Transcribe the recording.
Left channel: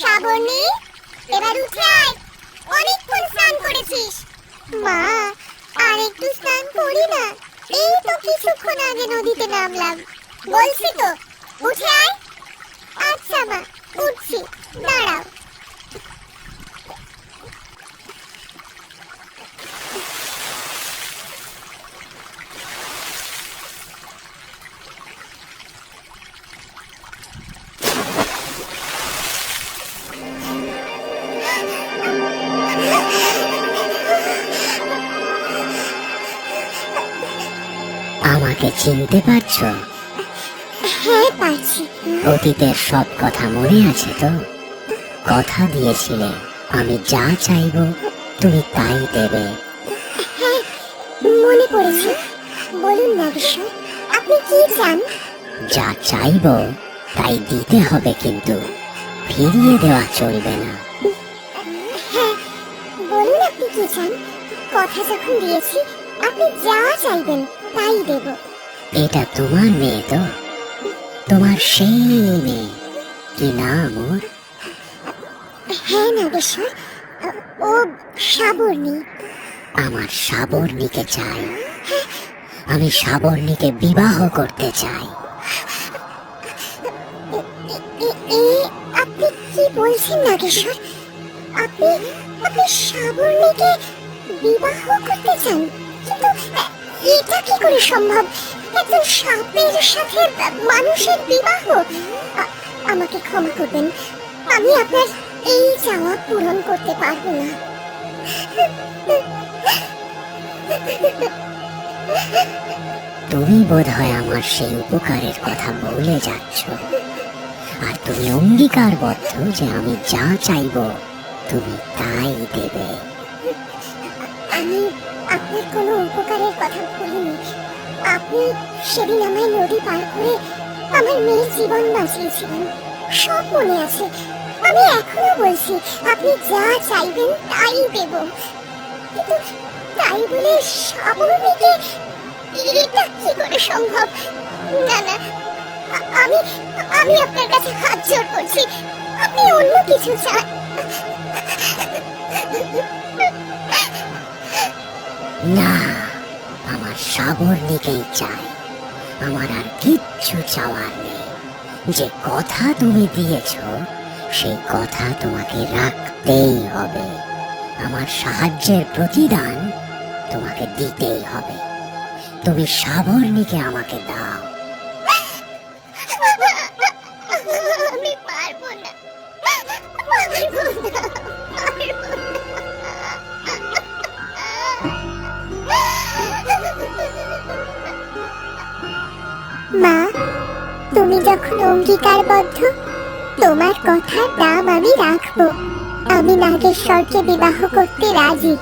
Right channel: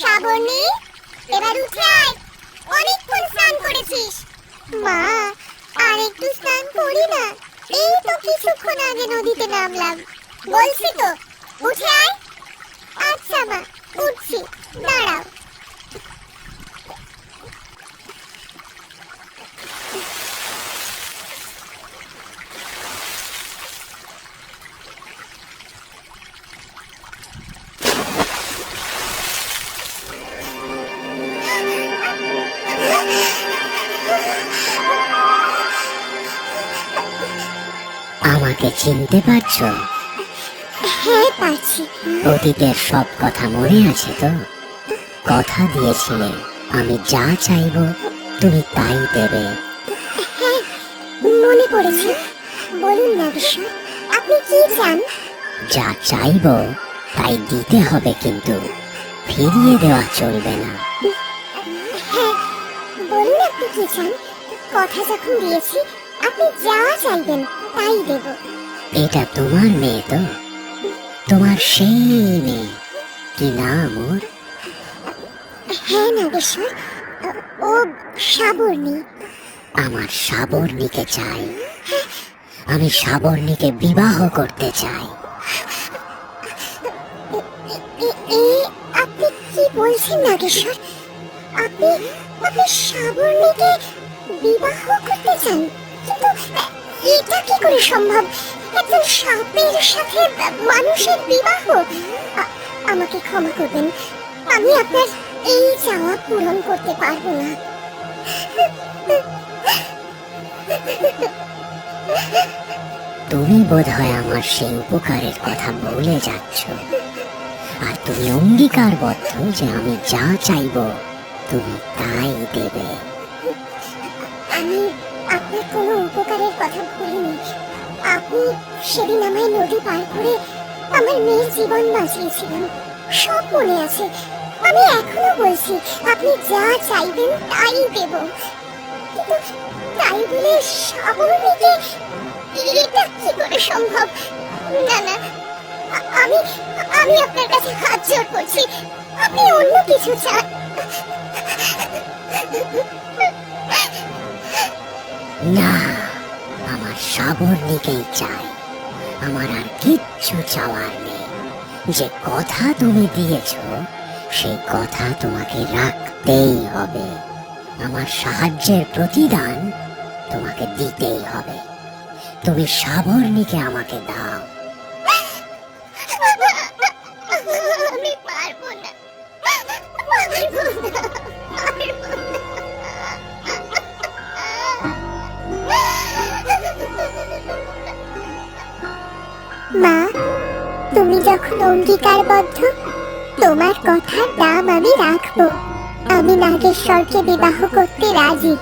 শ্রাবণী, এবার উঠে আয়। অনেকক্ষণ স্নান করেছিস। মা আর একটু স্নান করি না। এই তো কিছুক্ষণ আগে নদীতে নামলাম। বলছি তো, উঠে আয়। আমাকে চিনতে পারছ? হ্যাঁ পারছি। অতীতের সব কথা মনে আছে তো? কথা দিয়েছিলে আমি যা চাইব তুমি তাই দেবে। হ্যাঁ মনে পড়েছে। বলুন না আপনি কি চান? যা চাইব তাই দিতে হবে কিন্তু। ফিরিয়ে দেওয়া চলবে না। হ্যাঁ বলুন আপনি কি চান? কথা যখন দিয়েছি আপনি যা চাইবেন তাই দেব। এটা তোমার মেয়ে তো। তোমার সেই মেয়ে। কি নাম ওর? হ্যাঁ না বিশ্বর ও সাবর্ণী। আমার সাবর্ণীকে চাই। আমি সাবর্ণীকে বিবাহ করতে চাই। আপনি কি বলছেন নাগেশ্বর? আপনি আপনি সাবর্ণীকে বিবাহ করতে চান? করে সম্ভব? একজন সাপের সাথে মানুষের বিবাহ? আমাকে ক্ষমা করবেন, আমি আপনার এই চাওয়া পূরণ করতে পারব না। তুমি বোধহয় আমার সেই উপকারের কথা ভুলে যাচ্ছ। আর তুমি অঙ্গীকারবদ্ধ যে আমি যা চাইব, তুমি তাই দেবে। আমি আপনার কোনো উপকারের কথা ভুলিনি আপনি সেদিন আমায় নদী পার করে আমার মেয়ের জীবন বাঁচিয়েছিলেন। সব মনে আছে। আমি এখনও বলছি, আপনি যা চাইবেন তাই দেব। কিন্তু তাই বলে সাবর্ণীকে এটা কি করে সম্ভব? না না, আমি আমি আপনার কাছে হাত জোর করছি। আপনি অন্য কিছু চান। না, আমার সাবর্ণীকেই চাই আমার আর কিচ্ছু চাওয়ার নেই। যে কথা তুমি দিয়েছ, সেই কথা তোমাকে রাখতেই হবে। আমার সাহায্যের প্রতিদান তোমাকে দিতেই হবে। তুমি সাবর্ণীকে আমাকে দাও। মা তুমি যখন অঙ্গীকারবদ্ধ তোমার কথার দাম আমি রাখব। আমি নাগেশ্বরকে বিবাহ করতে রাজি।